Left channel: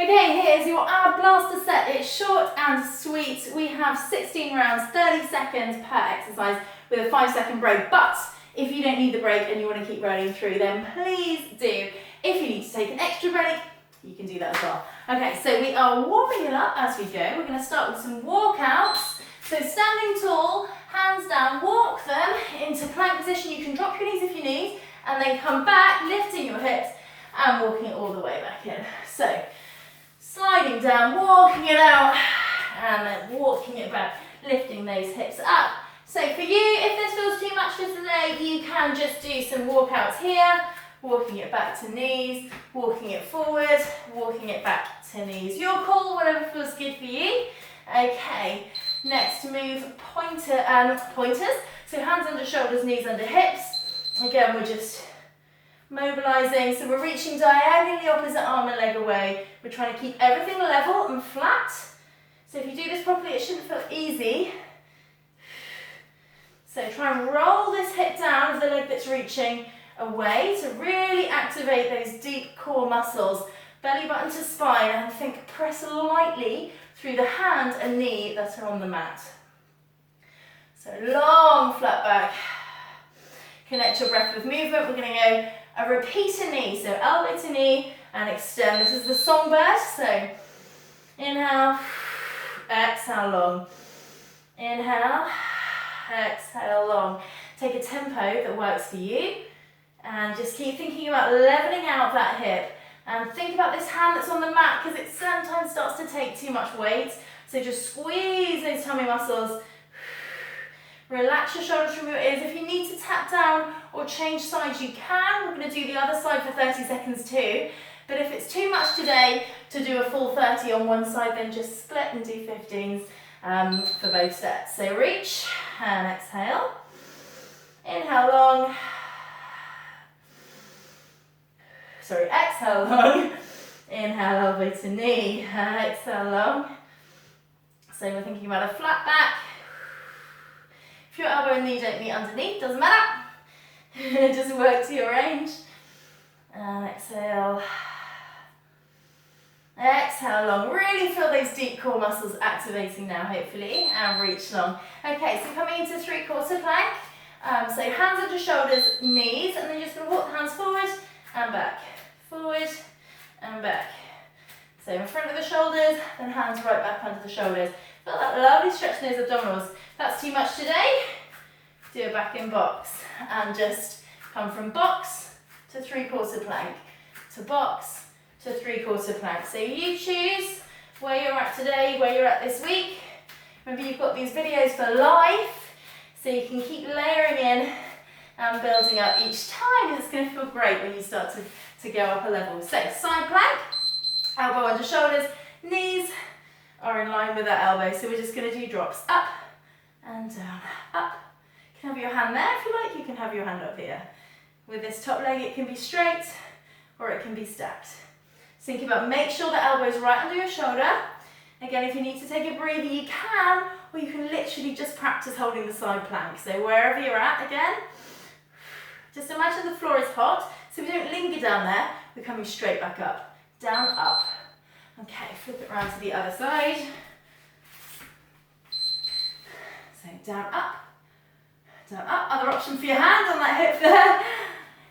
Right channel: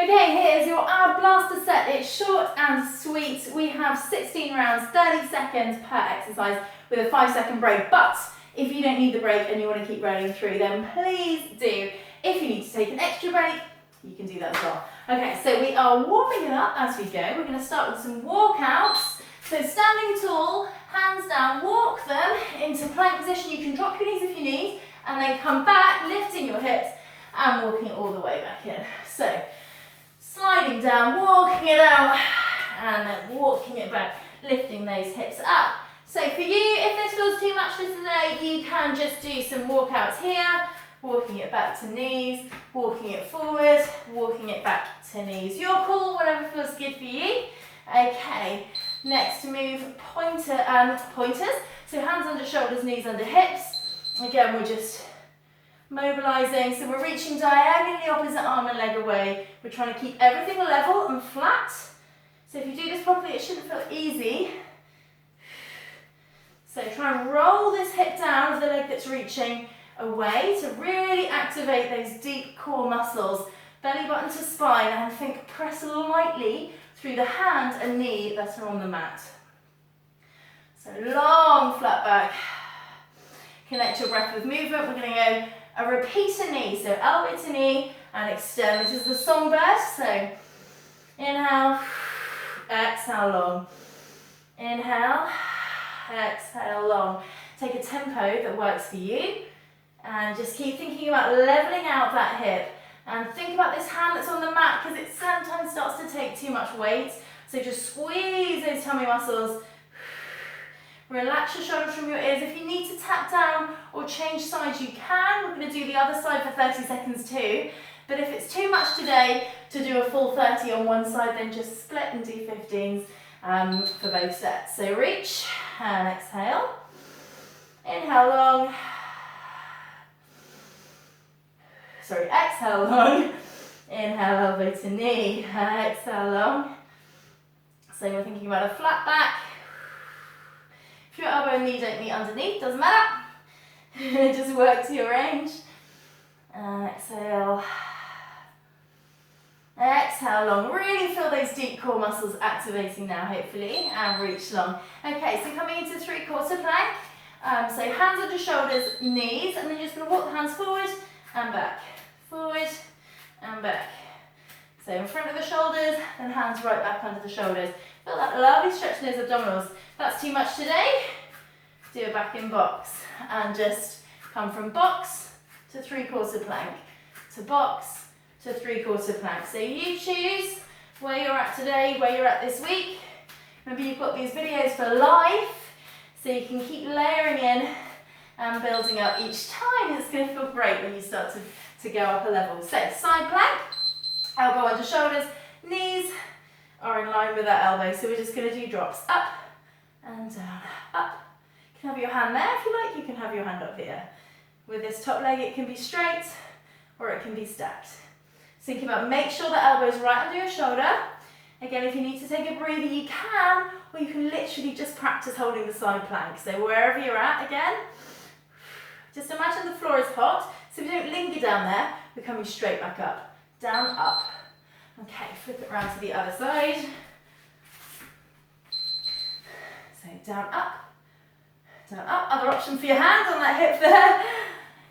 Okay, here's your ab blaster set. It's short and sweet. We have 16 rounds, 30 seconds per exercise with a 5-second break. But if you don't need the break and you want to keep running through, then please do. If you need to take an extra break, you can do that as well. Okay, so we are warming it up as we go. We're going to start with some walkouts. So standing tall, hands down, walk them into plank position. You can drop your knees if you need, and then come back, lifting your hips and walking all the way back in. So sliding down, walking it out, and then walking it back, lifting those hips up. So for you, if this feels too much for today, you can just do some walkouts here, walking it back to knees, walking it forward, walking it back to knees. Your call, whatever feels good for you. Okay, next move, pointers. So hands under shoulders, knees under hips. Again, we're just mobilizing, so we're reaching diagonally opposite arm and leg away. We're trying to keep everything level and flat. So if you do this properly, it shouldn't feel easy. So try and roll this hip down of the leg that's reaching away to really activate those deep core muscles, belly button to spine, and think press lightly through the hand and knee that are on the mat. So long, flat back. Connect your breath with movement. We're going to go a repeater knee, so elbow to knee and extend. This is the songbird, so inhale, exhale long. Inhale, exhale long. Take a tempo that works for you and just keep thinking about leveling out that hip. And think about this hand that's on the mat because it sometimes starts to take too much weight. So just squeeze those tummy muscles. Relax your shoulders from your ears. If you need to tap down or change sides, you can. We're going to do the other side for 30 seconds too. But if it's too much today to do a full 30 on one side, then just split and do 15s for both sets. So reach and exhale. Inhale long. Sorry, exhale long. Inhale, elbow to knee. Exhale long. So we're thinking about a flat back. If your elbow and knee don't meet underneath, doesn't matter. Just work to your range. And exhale. Exhale long. Really feel those deep core muscles activating now, hopefully. And reach long. Okay, so coming into 3/4 plank. So hands under shoulders, knees, and then you're just going to walk the hands forward and back. Forward and back. So in front of the shoulders, then hands right back under the shoulders. Feel that lovely stretch in those abdominals. If that's too much today, do a back in box and just come from box to 3/4 plank, to box to 3/4 plank. So you choose where you're at today, where you're at this week. Remember, you've got these videos for life, so you can keep layering in and building up each time. It's going to feel great when you start to go up a level. So side plank, elbow under shoulders, knees are in line with that elbow. So we're just going to do drops up and down, up. You can have your hand there if you like, you can have your hand up here. With this top leg, it can be straight or it can be stacked. Think about, make sure the elbow's right under your shoulder. Again, if you need to take a breather, you can, or you can literally just practice holding the side plank. So wherever you're at, again, just imagine the floor is hot, so we don't linger down there, we're coming straight back up, down, up. Okay, flip it around to the other side. So down, up. Other option for your hand on that hip there.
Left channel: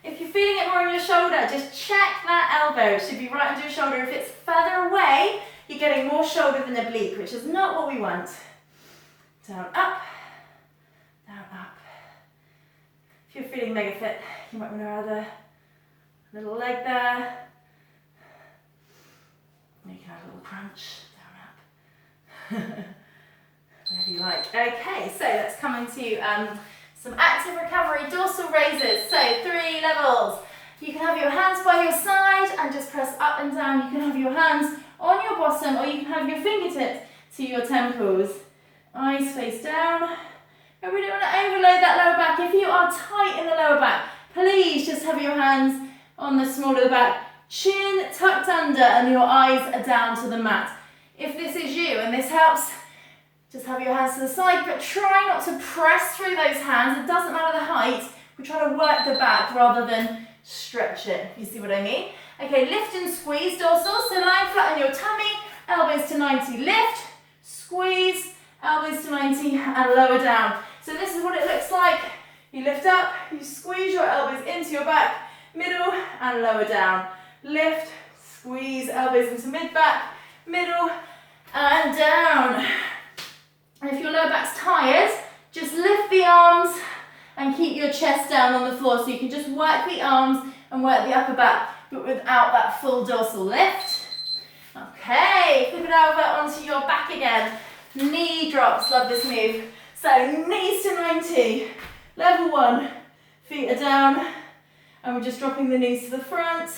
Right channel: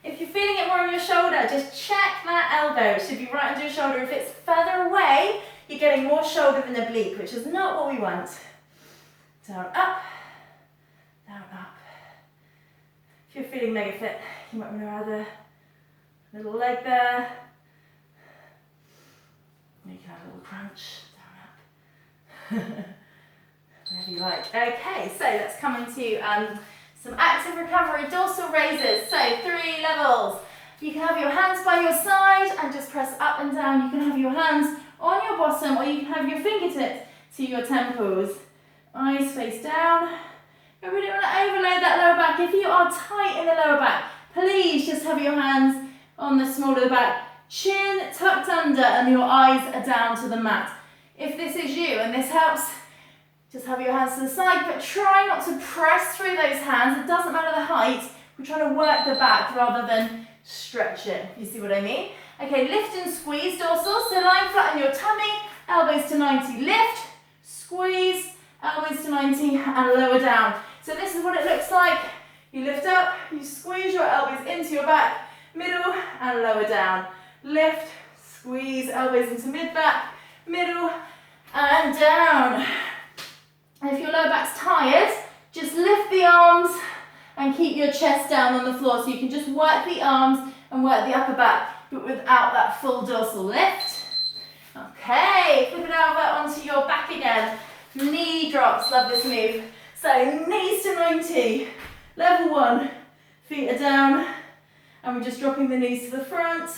If you're feeling it more on your shoulder, just check that elbow. It should be right under your shoulder. If it's further away, you're getting more shoulder than oblique, which is not what we want. Down, up. Down, up. If you're feeling mega fit, you might want to add a little leg there. You can have a little crunch. Down, up. Whatever you like. Okay, so let's come into some active recovery, dorsal raises. So 3 levels. You can have your hands by your side and just press up and down. You can have your hands on your bottom, or you can have your fingertips to your temples. Eyes face down. Remember, we don't want to overload that lower back. If you are tight in the lower back, please just have your hands on the small of the back. Chin tucked under and your eyes are down to the mat. If this is you and this helps, just have your hands to the side, but try not to press through those hands. It doesn't matter the height. We're trying to work the back rather than stretch it. You see what I mean? Okay, lift and squeeze dorsal. So lying flat on your tummy. elbows to 90, lift, squeeze, elbows to 90 and lower down. So this is what it looks like. You lift up, you squeeze your elbows into your back, middle and lower down. Lift, squeeze, elbows into mid-back, middle and down. And if your lower back's tired, just lift the arms and keep your chest down on the floor. So you can just work the arms and work the upper back, but without that full dorsal lift. Okay, flip it over onto your back again. Knee drops, love this move. So knees to 90, level 1, feet are down, and we're just dropping the knees to the front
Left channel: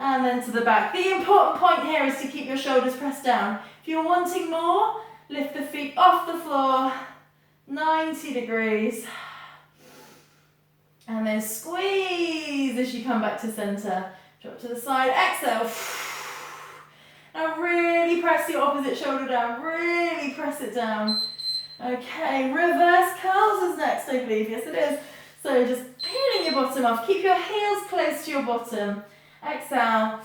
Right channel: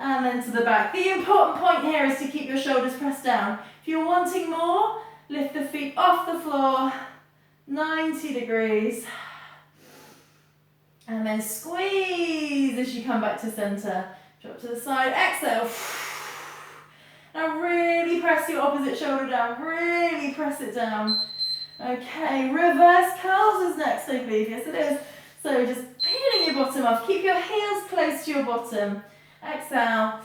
and then to the back. The important point here is to keep your shoulders pressed down. If you're wanting more, lift the feet off the floor, 90 degrees. And then squeeze as you come back to center. Drop to the side, exhale. Now really press your opposite shoulder down, really press it down. Okay, reverse curls is next, I believe. Yes, it is. So just peeling your bottom off. Keep your heels close to your bottom. Exhale.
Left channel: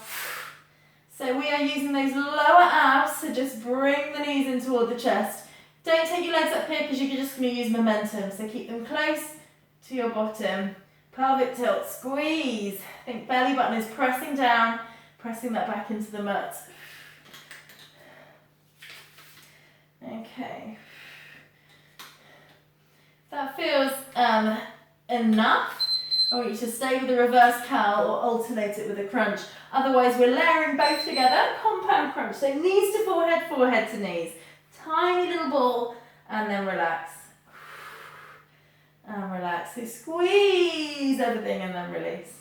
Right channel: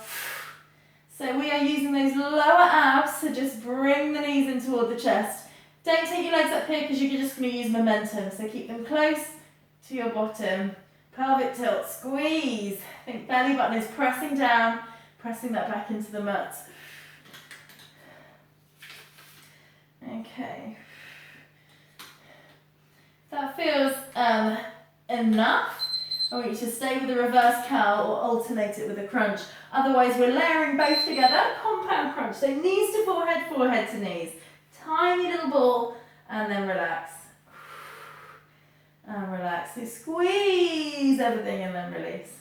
So we are using those lower abs to just bring the knees in toward the chest. Don't take your legs up here because you're just going to use momentum. So keep them close to your bottom. Pelvic tilt, squeeze. Think belly button is pressing down, pressing that back into the mat. Okay. That feels enough. I want you to stay with the reverse curl or alternate it with a crunch. Otherwise, we're layering both together, compound crunch. So knees to forehead, forehead to knees. Tiny little ball, and then relax. And relax. So squeeze everything and then release.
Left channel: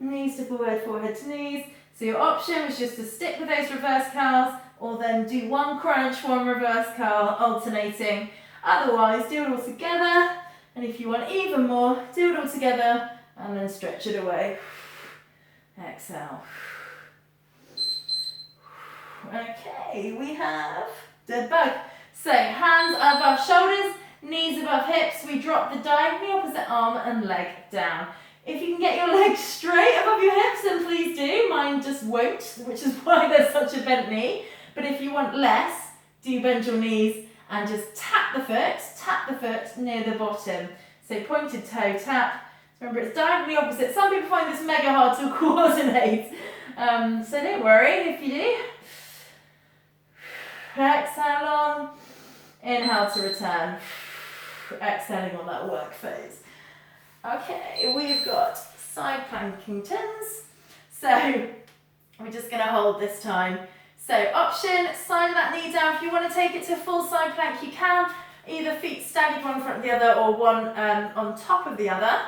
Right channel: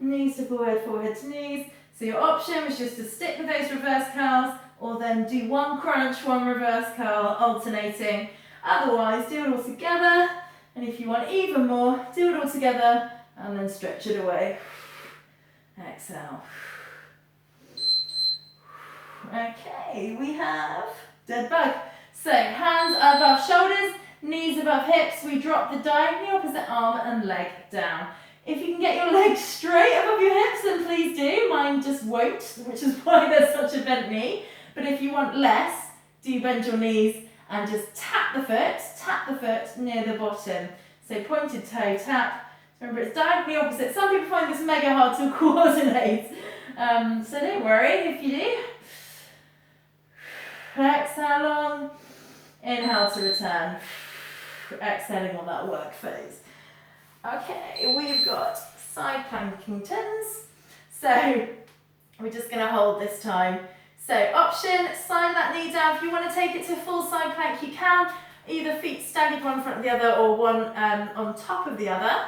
Knees to forehead, forehead to knees. So your option was just to stick with those reverse curls, or then do one crunch, one reverse curl, alternating. Otherwise, do it all together. And if you want even more, do it all together and then stretch it away. Exhale. Okay, we have dead bug. So hands above shoulders, knees above hips. We drop the diagonally opposite arm and leg down. If you can get your legs straight above your hips, then please do. Mine just won't, which is why there's such a bent knee. But if you want less, do bend your knees and just tap the foot near the bottom. So pointed toe tap. Remember, it's diagonally opposite. Some people find this mega hard to coordinate. So don't worry if you do. Exhale long. Inhale to return. Exhaling on that work phase. Okay, we've got side planking tens. So we're just going to hold this time. So option, slide that knee down. If you want to take it to full side plank, you can. Either feet staggered one in front of the other or one on top of the other.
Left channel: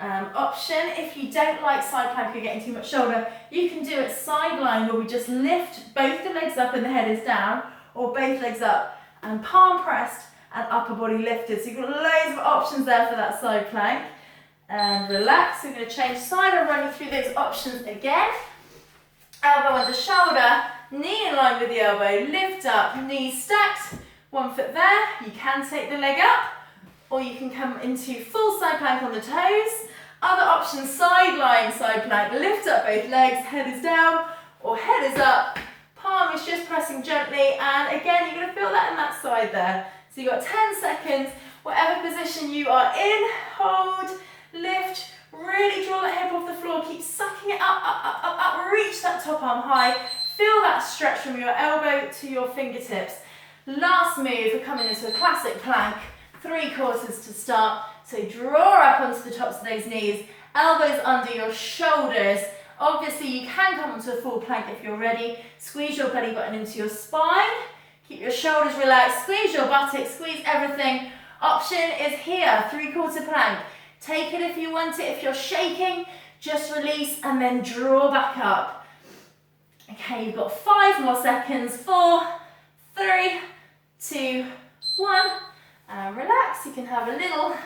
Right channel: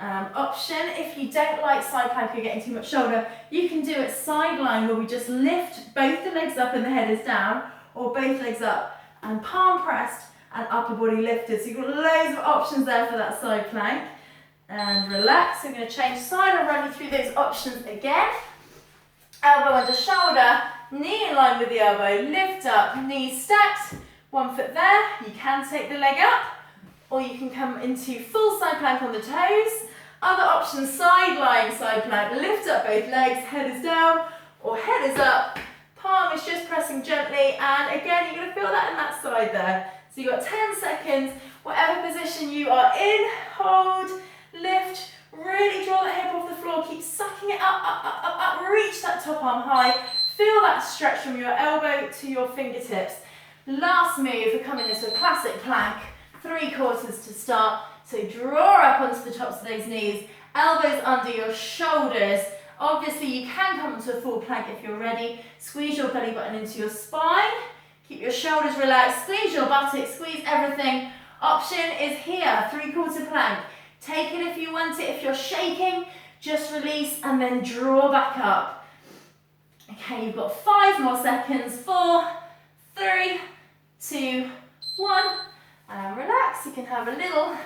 Option, if you don't like side plank, you're getting too much shoulder, you can do it sideline where we just lift both the legs up and the head is down, or both legs up and palm pressed and upper body lifted. So you've got loads of options there for that side plank. And relax. We're going to change side. I'll run you through those options again. Elbow under shoulder, knee in line with the elbow, lift up, knees stacked, one foot there. You can take the leg up, or you can come into full side plank on the toes. Other options, sideline side plank, lift up both legs, head is down or head is up, palm is just pressing gently, and again, you're going to feel that in that side there. So you've got 10 seconds, whatever position you are in, hold, lift, really draw the hip off the floor, keep sucking it up, up, up, up, up, reach that top arm high, feel that stretch from your elbow to your fingertips. Last move, we're coming into a classic plank, 3/4 to start. So draw up onto the tops of those knees, elbows under your shoulders. Obviously you can come to a full plank if you're ready. Squeeze your belly button into your spine, keep your shoulders relaxed, squeeze your buttocks, squeeze everything. Option is here, 3/4 plank. Take it if you want it. If you're shaking, just release and then draw back up. Okay, you've got 5 more seconds. 4, 3, 2, 1. And relax. You can have a little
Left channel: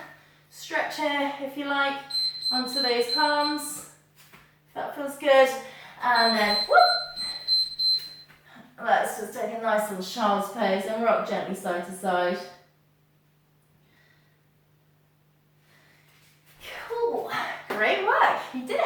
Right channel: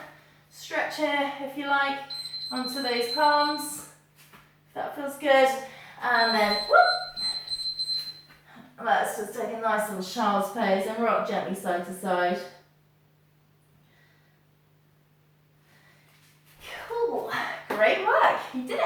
stretch here if you like onto those palms. If that feels good. And then whoop. Let's just take a nice little child's pose and rock gently side to side. Cool. Great work. You did it.